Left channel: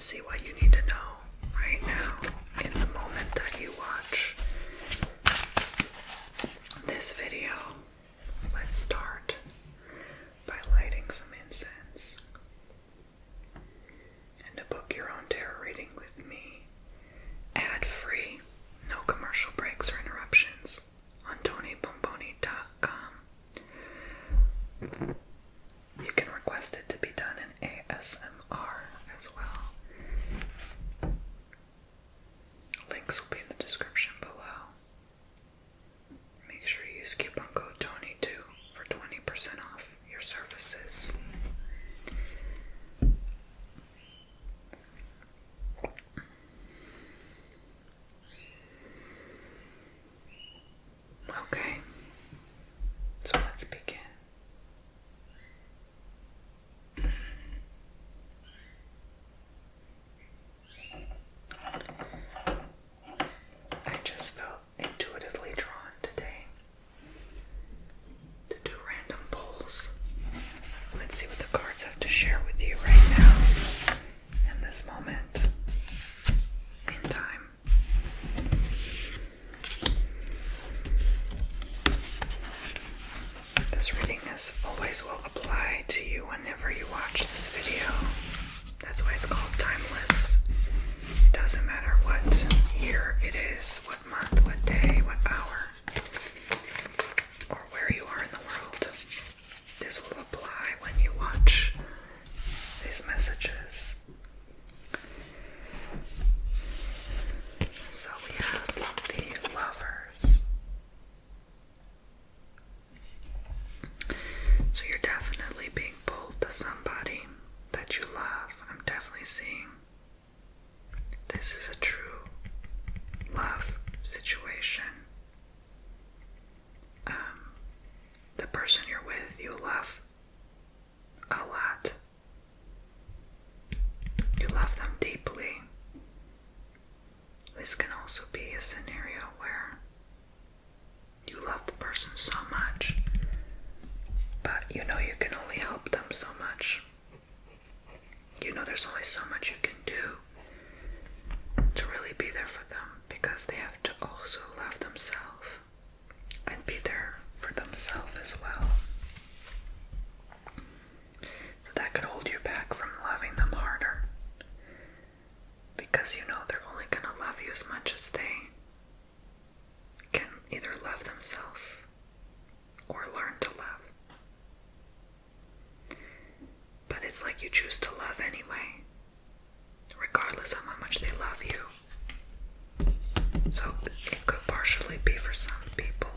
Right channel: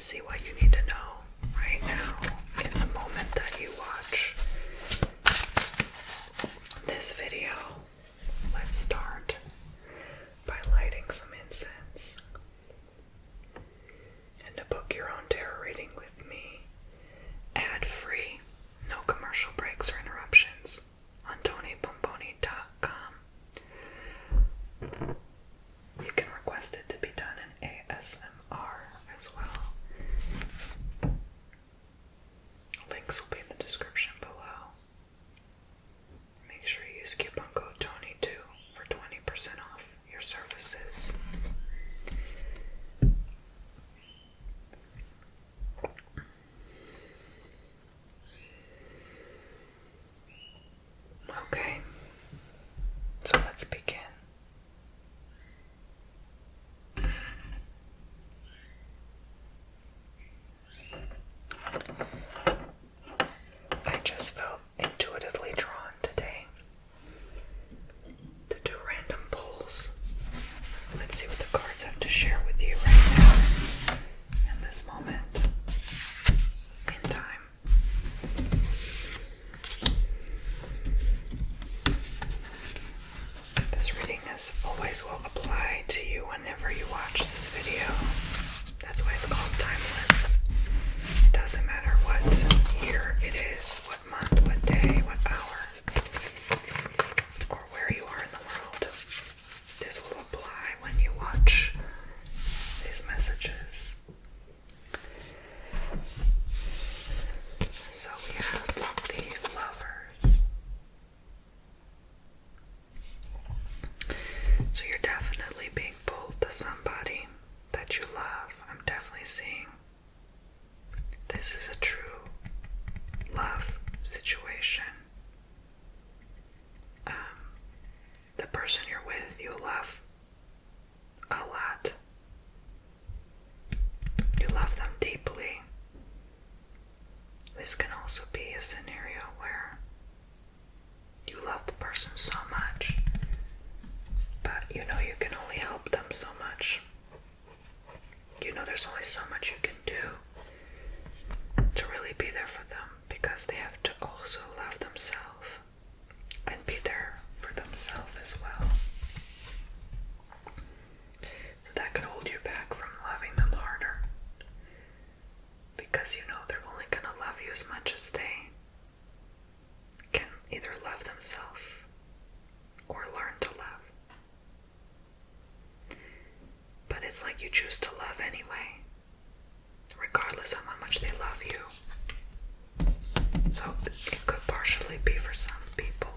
to see what you need to know right now in the moment that you watch this video. Let's start by lighting some incense. And to book your own tarot reading with me, ad-free, no commercial breaks or interruptions, on TonyBomboni.com. You can request it to be done in ASMR as well. Links will be in the description below. Make sure you use coupon code TONY2 for 20% off your services. Okay, so let's begin. I just felt intuitively drawn today to do random pulls. Let's see what the cards have to share with you right now in this moment in time. This reading as always will apply to you whenever you watch this video. That's why it's called timeless. It doesn't matter what year it is, what month, what day, what hour, or where you are in the world. This will apply when you watch these messages. So we have the Lovers. So you're definitely being pulled to somebody that you love. I'm definitely seeing this is a true love situation. The person you're with, you love a lot. You love them deeply. This can also be a scenario where you love the person so much, but you know you can only help them so much. You know there's only so much you can do to really be there for them, because they have to also love themselves and be there for themselves as well. So that could hold you back from loving them harder, because you know they're only gonna love you as much as they can either love themselves or learn to love. But it's like you choose to love anyway, regardless of how much they love you. So it could partially be for some people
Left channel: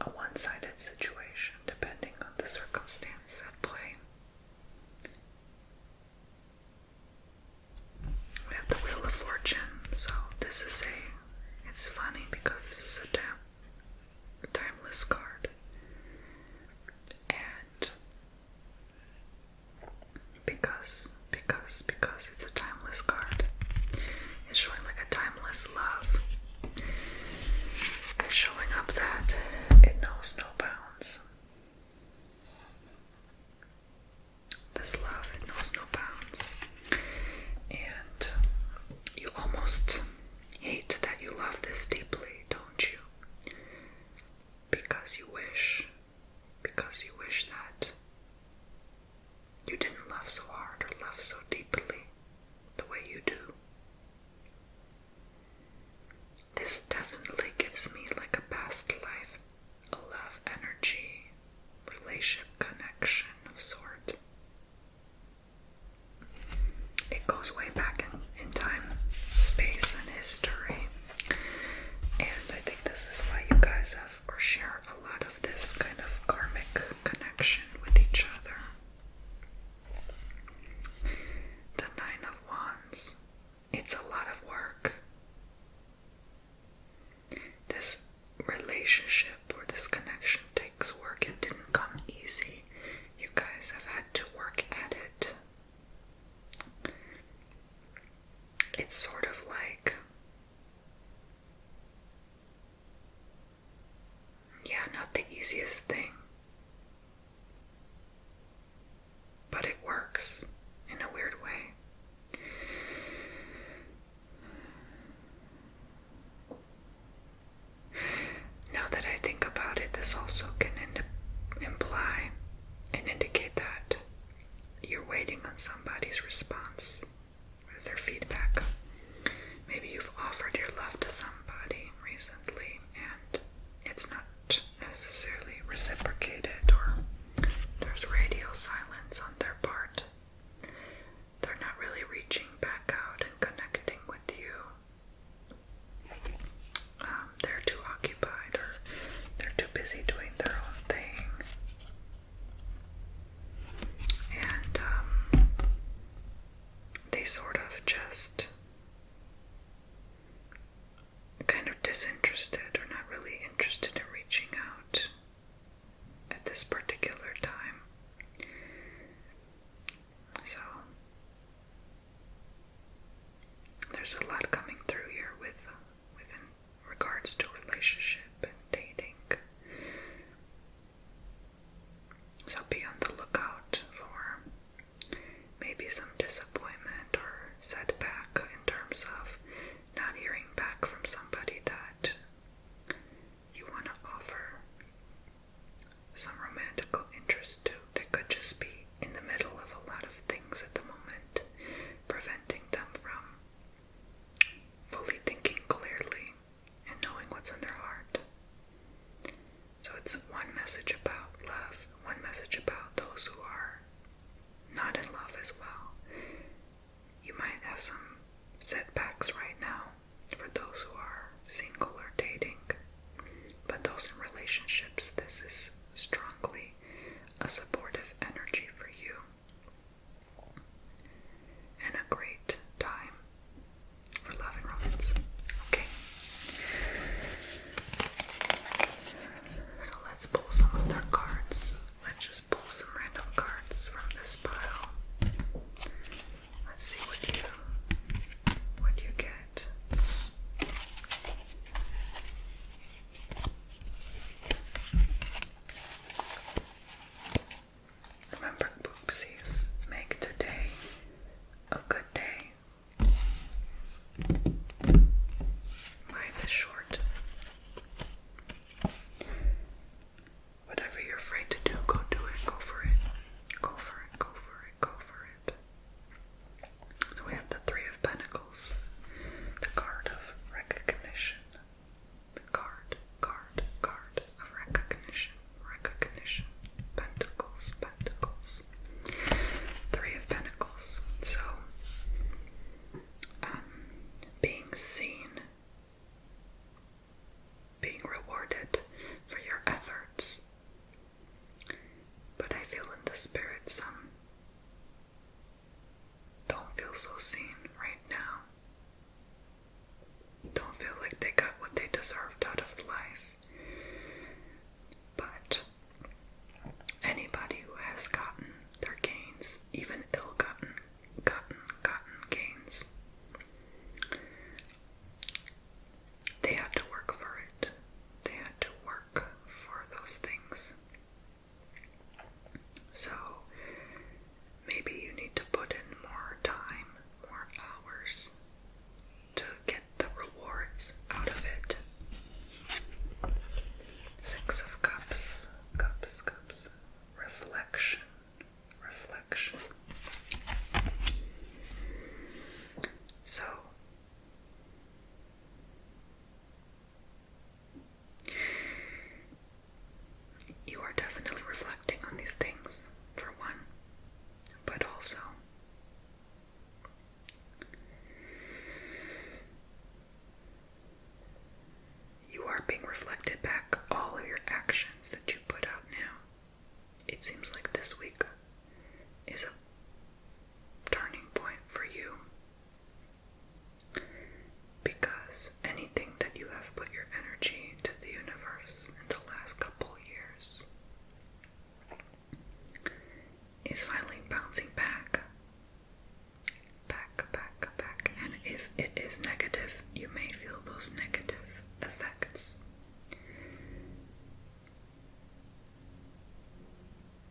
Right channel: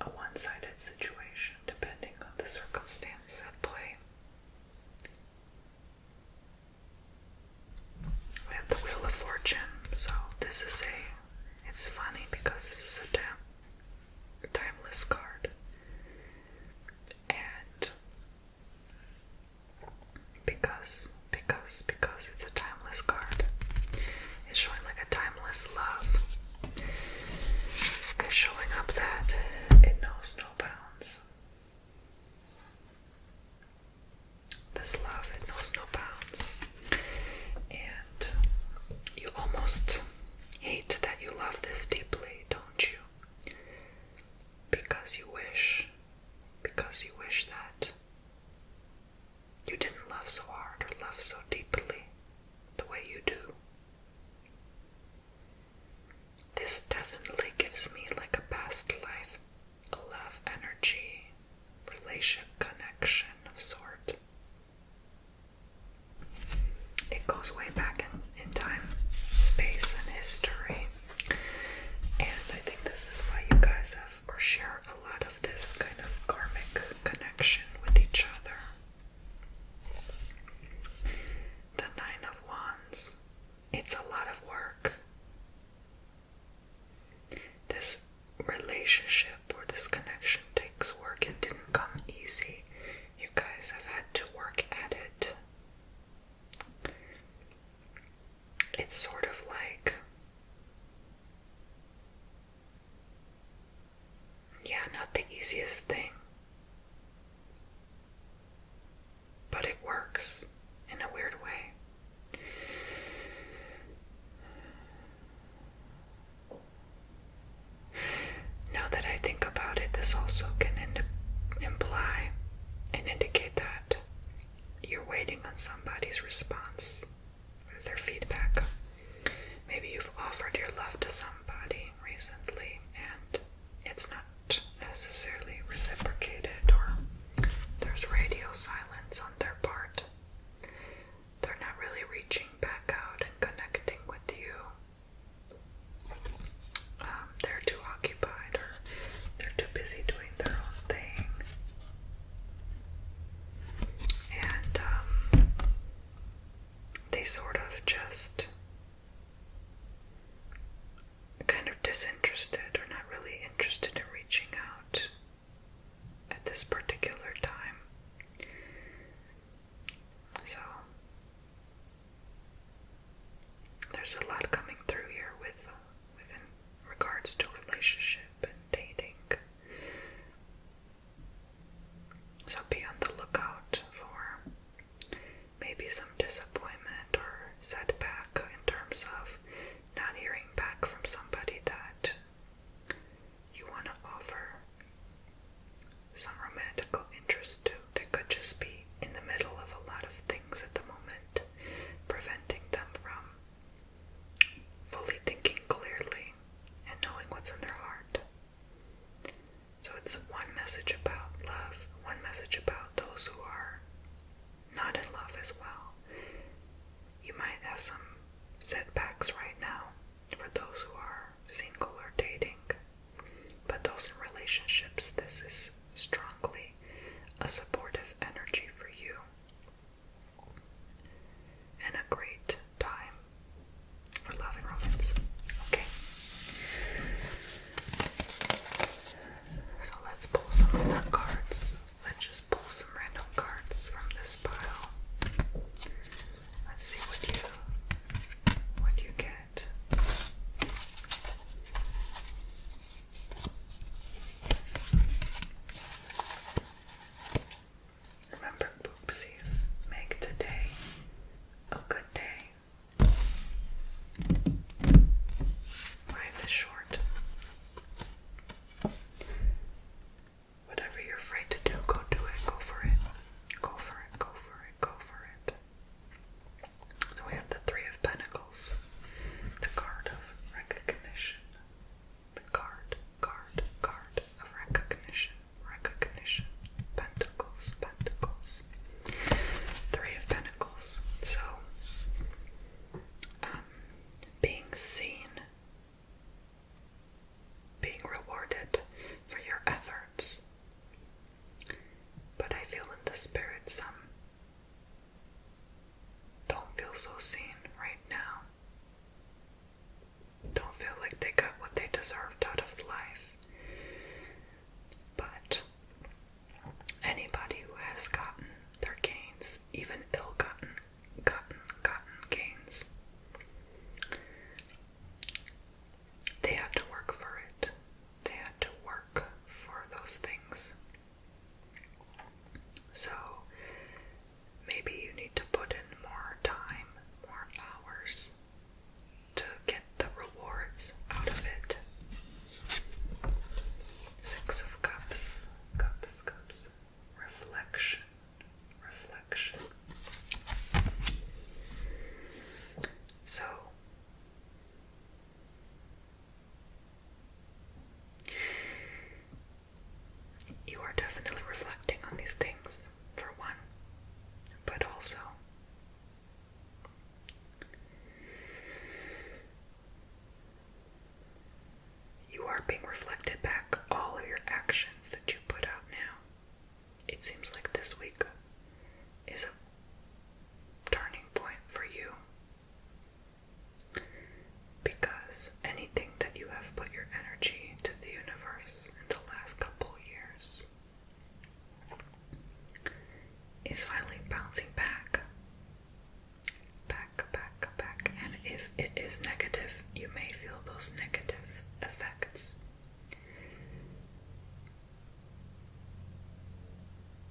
a one-sided situation, depending on the circumstance at play. We have the Wheel of Fortune. So this is it's funny because this is a timeless card. And because it's a timeless card, it's showing like a timeless love. It's showing up that it knows no you're waiting on somebody's response or their feedback. Maybe you've offered your love to somebody recently and it's not necessarily reciprocated, or there's radio silence on their part. They're not really reaching back out and connecting with you. They're too occupied, or they're too busy doing their own thing. And they sort of just kind of disinterested or not really interested in reaching out at this particular time. So there's a lot coming through here within regards to relationship and dating. So be on the lookout for maybe some disappointment or setback in terms of not hearing back from somebody that you want to offer some romantical interest to. They could just be in the middle of a lot of things at the moment, preventing them from fully thinking clearly and knowing what's in their heart. So it's one message about love, one message about those who are not in love as well. You might have some setbacks right now for those who are single or dating, but those in relationships, this is strongly a supportive energy for you and a great time for love and romance. Okay, so let's pull some other cards. Let's just pull some random cards from this pile. Let's see what you get. Remember, poopsies, make today a good day. Life is short. Whatever you're afraid to do, go do it. Go for it. Go for it. Go for it. Go for it. So we have the Three of Pentacles, the card of recognition, the card of recognition, Pentacles, Three of Pentacles. So, being seen, being rewarded for your efforts. But I feel in the spirit some don't feel so seen right now. Don't feel like they got what they deserved out of life. But anybody who has gotten their gains, even ill-gotten gains, they had to work for it. They had to work for those things. So maybe you need to put in more time, more hours to get the rewards out of it. Six of Cups, reflection. So, you are definitely reflecting on these things, for one, but also you are being reflected back all of your actions that you put out now. It seems like this week is a turning point for you, because anything that you have put your energy to the universe in the last couple years is finally bouncing back. And if it is negative, you may feel those negative effects.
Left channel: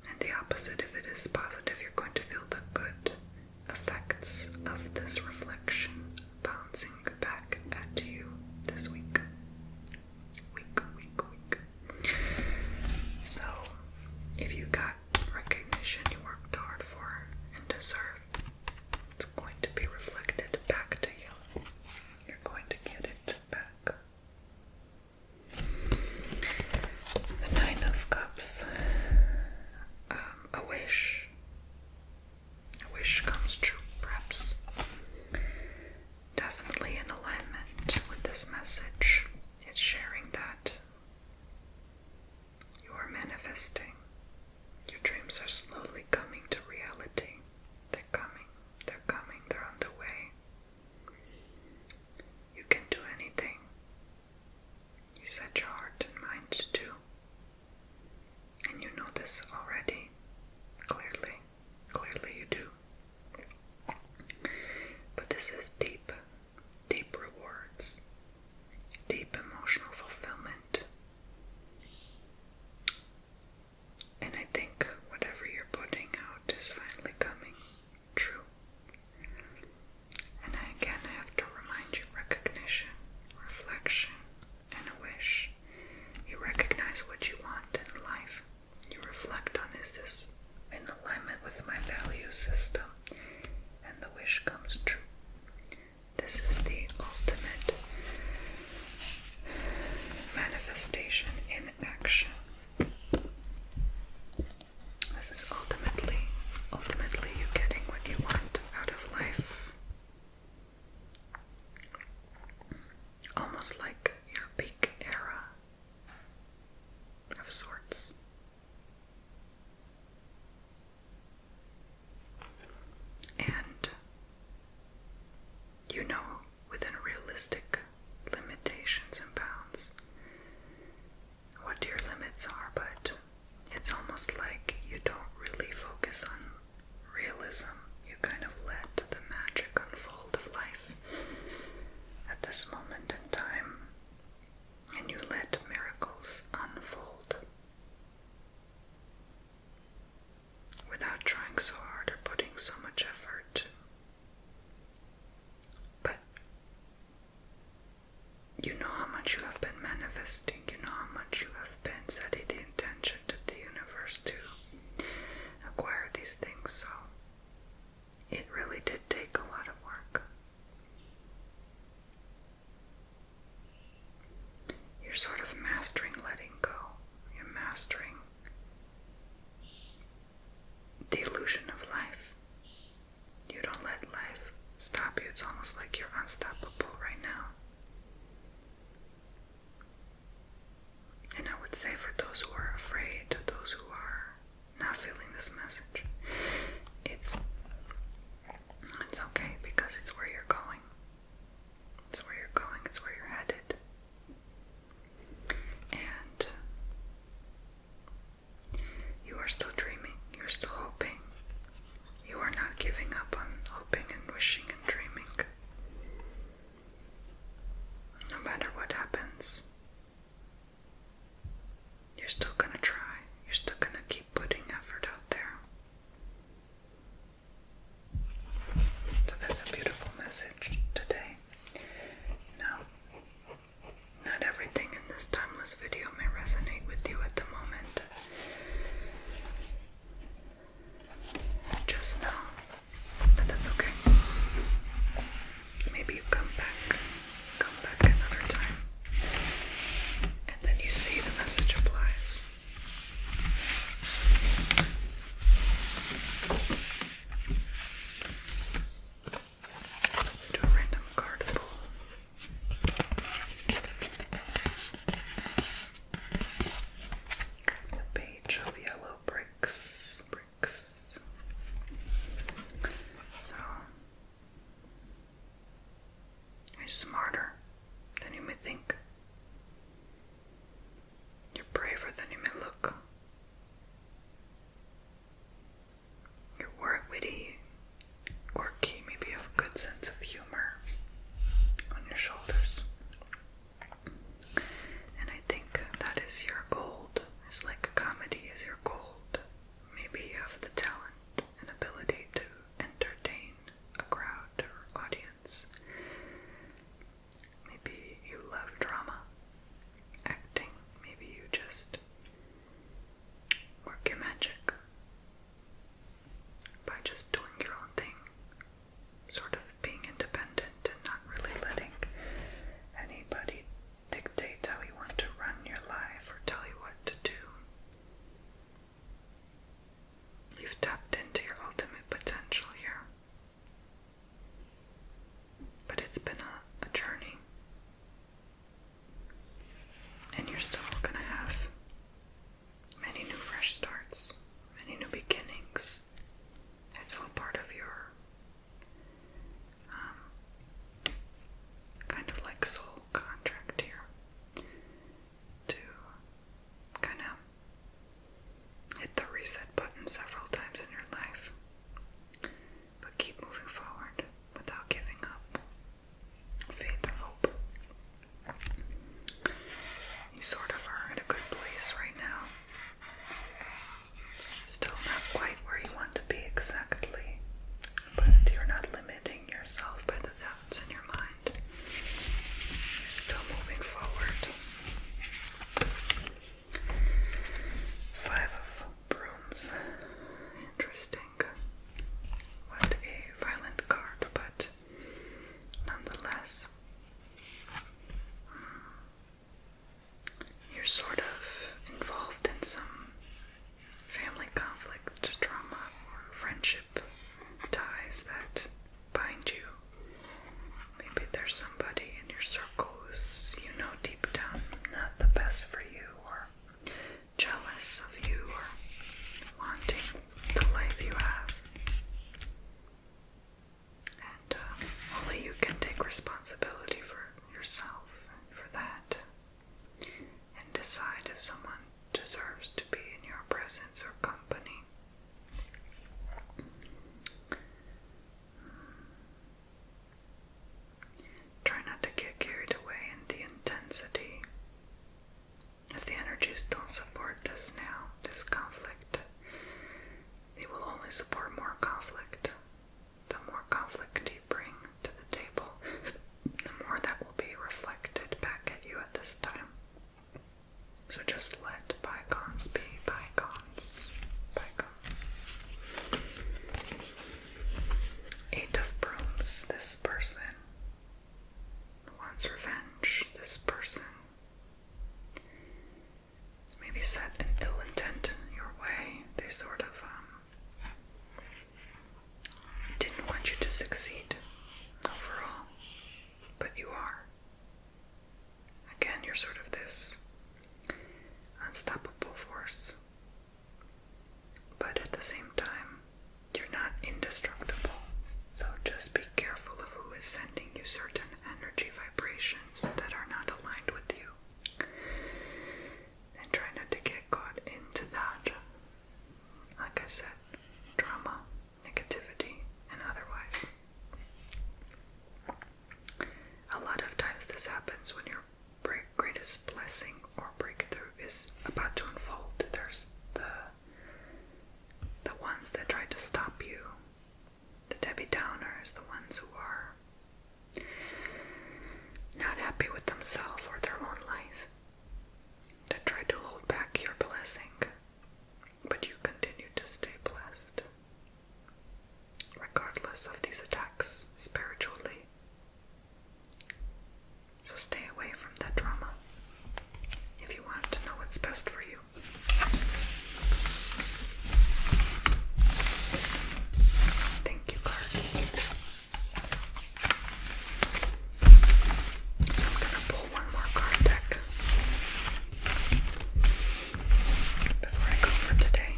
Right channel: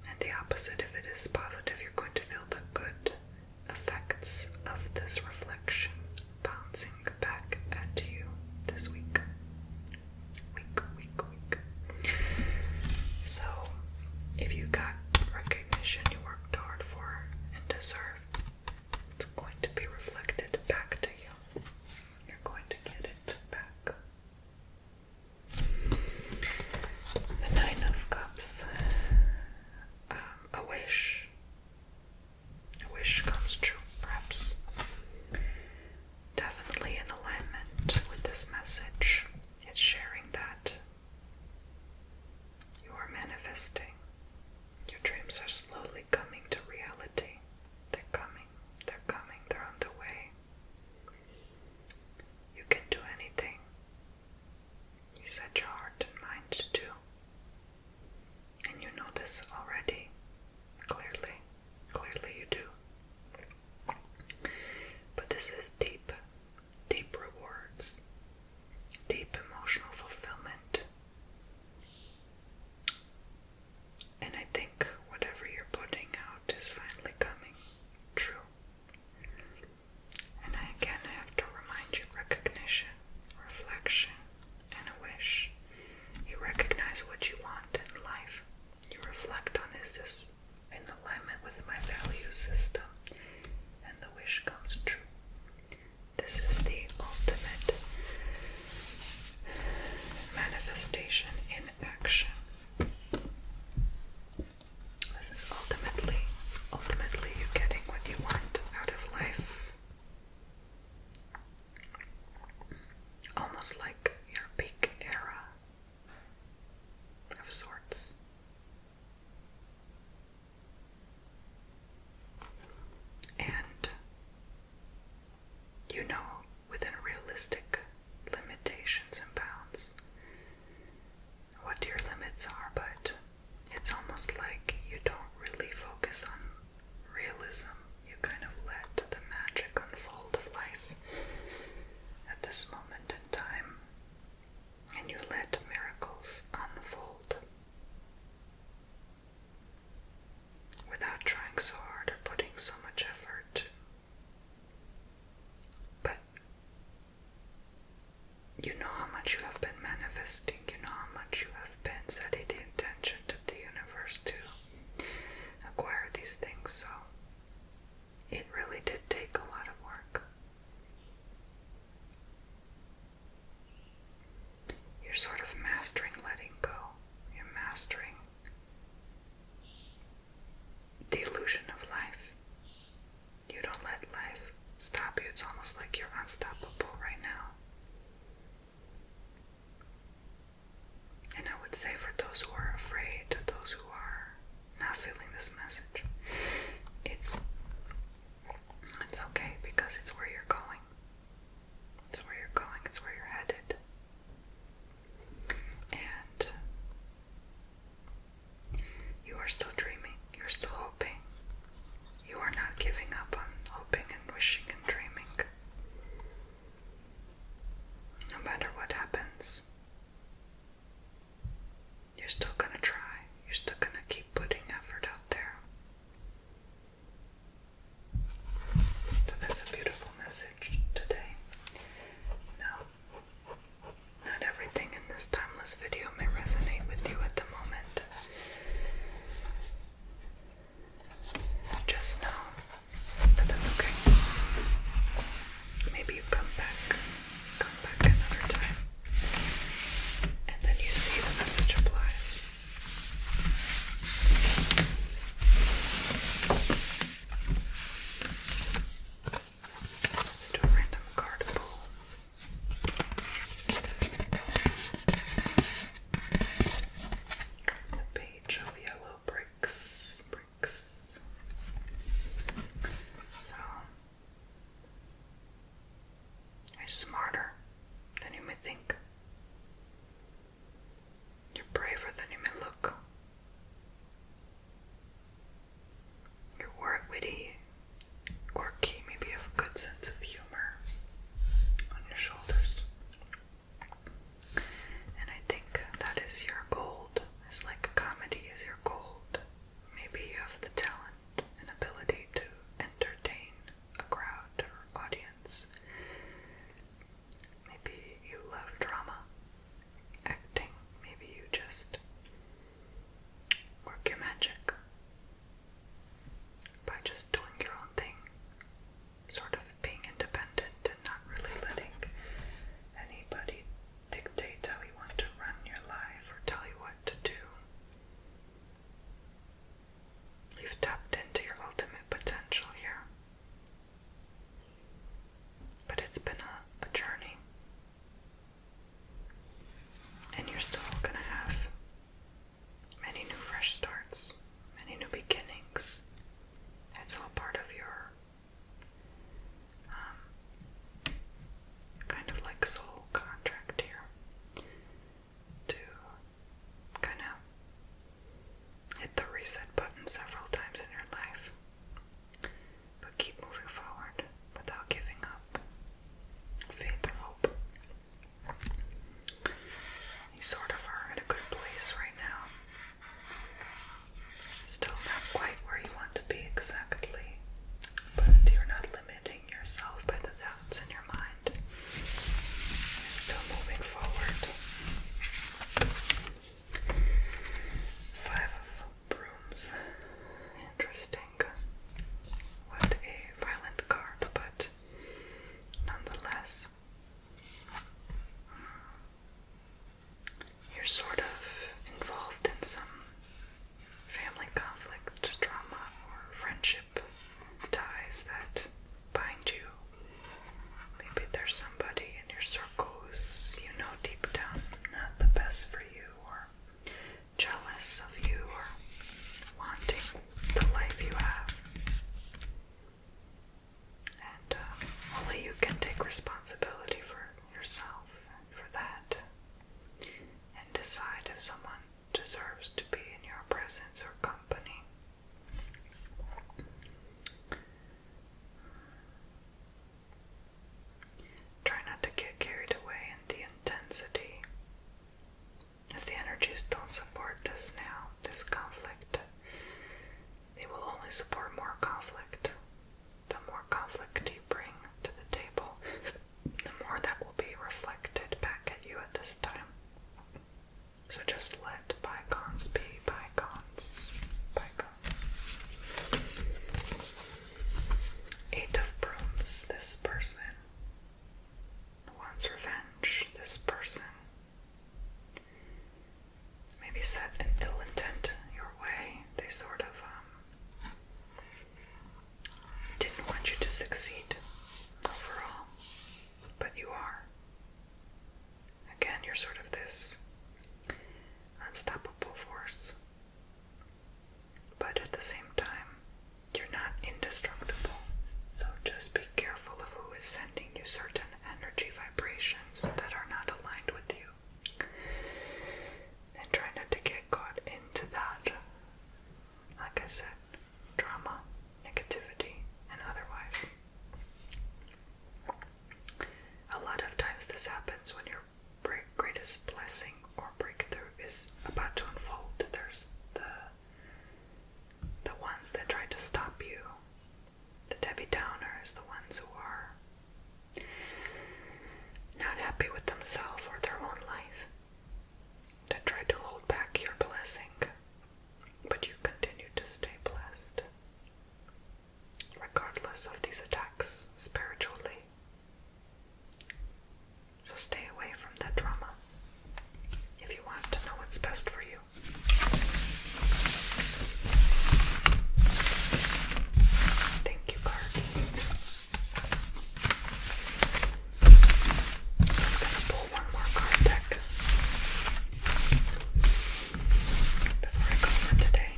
And the opposite, if it is positive, you're going to feel the good effects of this reflection bouncing back at you this week. So, if you got recognition you worked hard for, wish comes true, perhaps. Definitely in alignment with this message. It's sharing that you are manifesting. Your dreams are slowly coming to reality. They're coming, they're on the way. You can do anything you set your heart and mind to do. And you know this already. Clearly you do. But this is deep rewards, deep emotional fulfillment. And I think whatever you're putting out is finally coming true. And again, I have to remind you, recognition, reflection, and a wish. You recognize what you want in life. You reflect on, is this in alignment with my value system? And the wish comes true. circle who's, you know, deep down not the best for you, or jealous of you, or wanting the life you have. And only you can take responsibility for yourself and for that, and decide if someone deserves to be in your presence or company. Try not to get carried away in the intensity, as the energies don't support this now, this conflict. They will only support more conflict. The more conflict you bring to the table, the more that will be reflected back at you at this time. So just let bygones be bygones. Bygones. 8 of Brooms. This person wants revenge. This person maybe set an ill intent your way. They sort of didn't want you to succeed overall, but you are. Again, you're sort of this unstoppable force, but at the same time, you're not indestructible. So just be careful of who is sending you certain energy vibrations that are not aligned with you, and try not to get caught into that, like I said, drama, negativity, and otherwise. A lot of times this happens when your greatest blessing or breakthrough is about to unfold. There's the ones that try to stop you, the Debbie Downers, the ones who are not happy with themselves or their own life, that try to hold back your blessing, but you continue to stay blessed, regardless of these attacks spiritually. So stay away from that drama if you want to know what's best for you. Thank you, cards. So I'm gonna pull one more card deck before I go for today.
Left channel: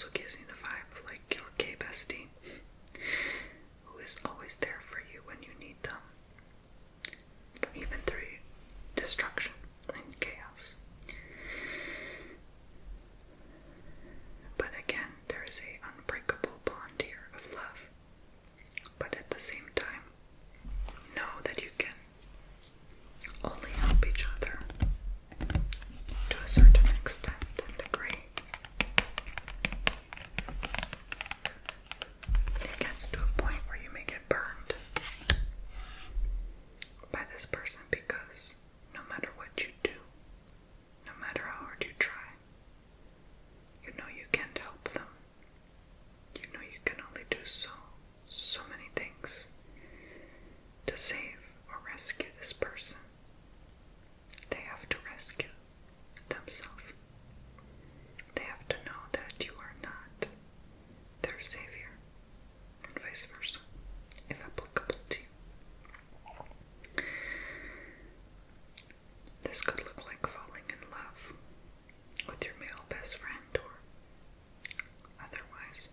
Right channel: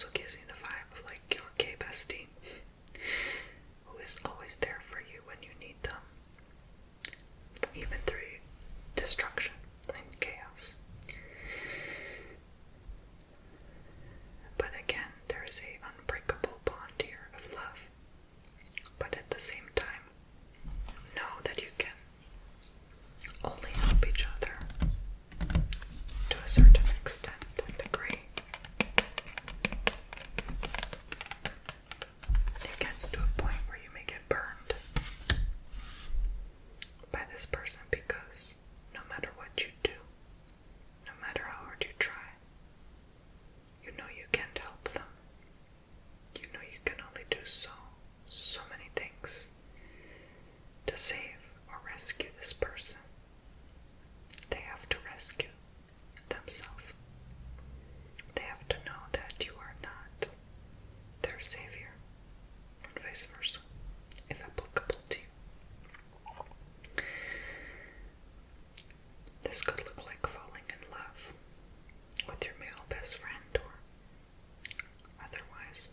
also gives me the vibe of like your gay bestie who is always there for you when you need them, even through destruction and chaos. But again, there is a unbreakable bond here of love. But at the same time, know that you can only help each other to a certain extent and degree. It gets to a point where you may get burned by this person because no matter what you do, no matter how hard you try, you know you can't help them. You know you can only do so many things to save or rescue this person. They have to rescue themselves. They have to know that you are not their savior, and vice versa, if applicable to you. This could look like falling in love with your male best friend or otherwise.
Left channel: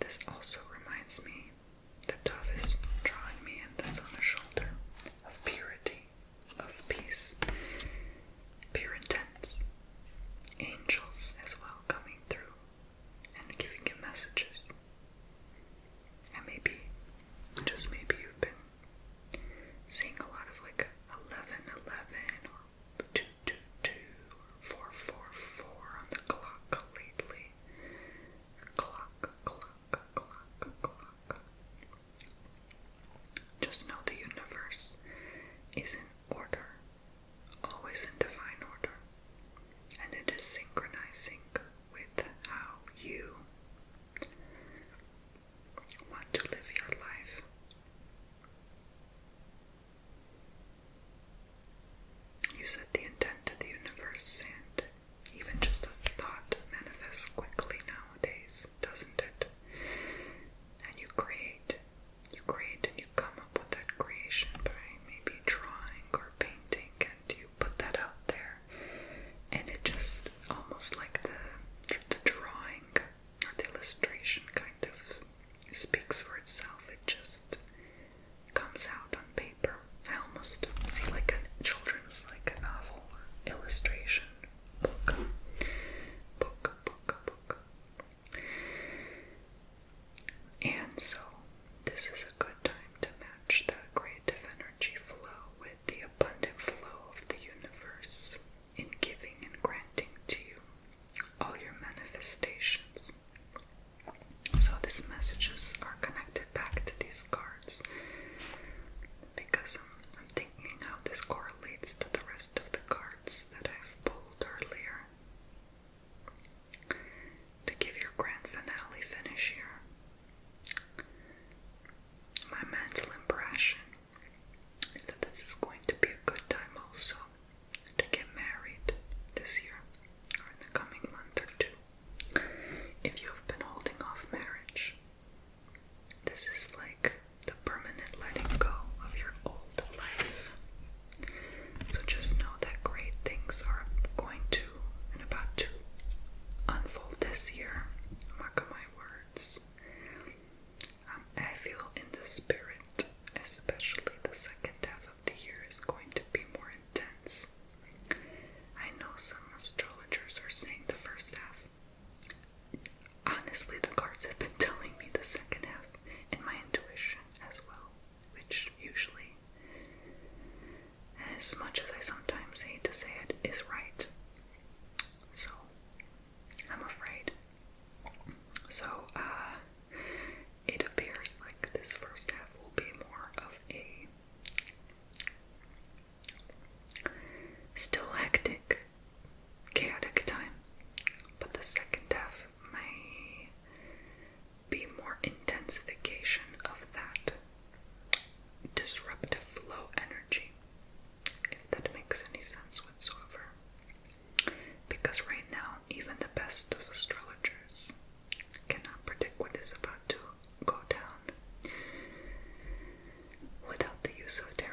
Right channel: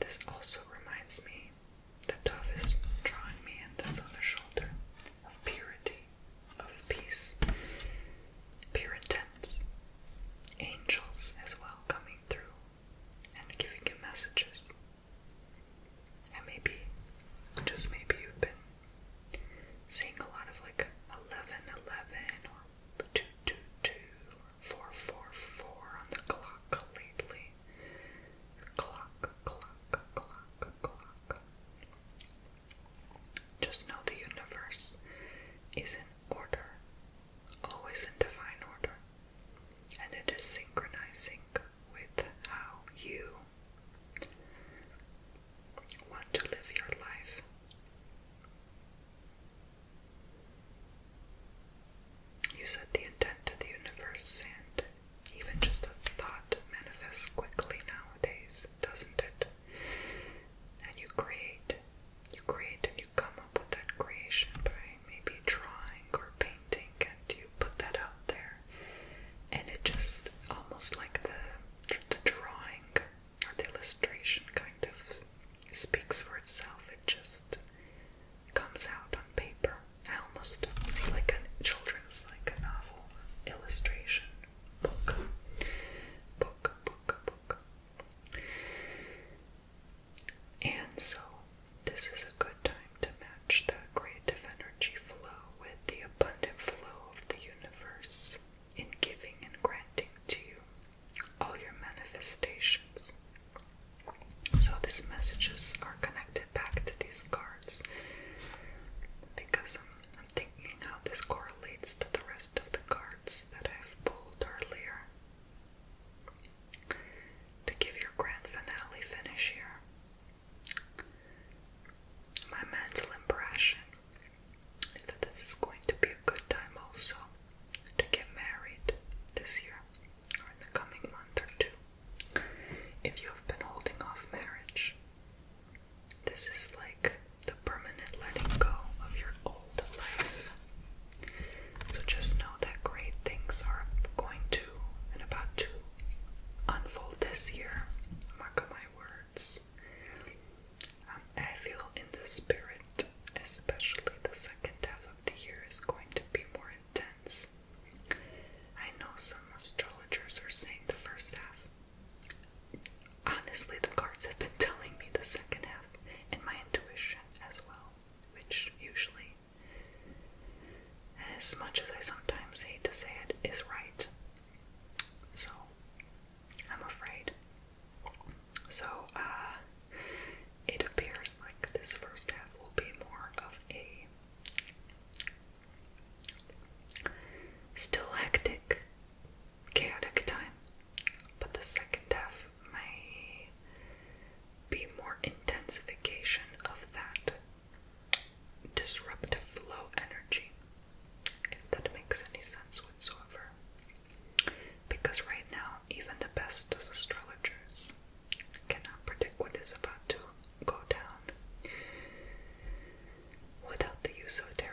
This also reminds me, the dove is drawing me in, that's on the shoulder, of purity, of peace, pure intents, angels as well coming through and giving you messages. And maybe, just maybe, you've been seeing a lot of like 1111 or 222 or 444 on the clock lately. Clock. Just know the universe is in order, always in divine order, and it is synchronizing with how you want to live your life. You set the intent to the universe, and even just a thought manifests quickly nowadays, doesn't it? And you create and you come up with that creation by maybe drawing or painting, and you put that out there, and it just almost like the drawing or the illustration kind of speaks for itself. It just comes out on paper. I almost see like a children's, like a novel illustration book. And so this is a good time to match the creative energy flow with the abundant flow of the universe in giving and granting to you all your manifestations. So these messages are connected back to these cards because I'm thinking how this correlates to the rest of the cards that I've pulled earlier. To give your grand finale finish here, my mental impression is that this is going to be a good time also to get married this year or in the coming month or two. If you have been holding off marriage, this is like the permanent letting go of your old life. So just know that great things are going to and about to unfold this year. Mark my words. I feel in the spirit, especially the second half of the year is going to be more intense. I know some astrologers are saying the first half. Honestly, the cards have been telling me the second half, and my intuition as well, which usually, as much as I sometimes hate to say it, is right. So, I'm afraid. So, it appears like this first half will be more of a still hectic, chaotic time, but the second half may be more intensification of that disruptive flow energy, if that makes any sense whatsoever. Because right now, even the best of astrologers cannot predict what is about to go down without the use of tarot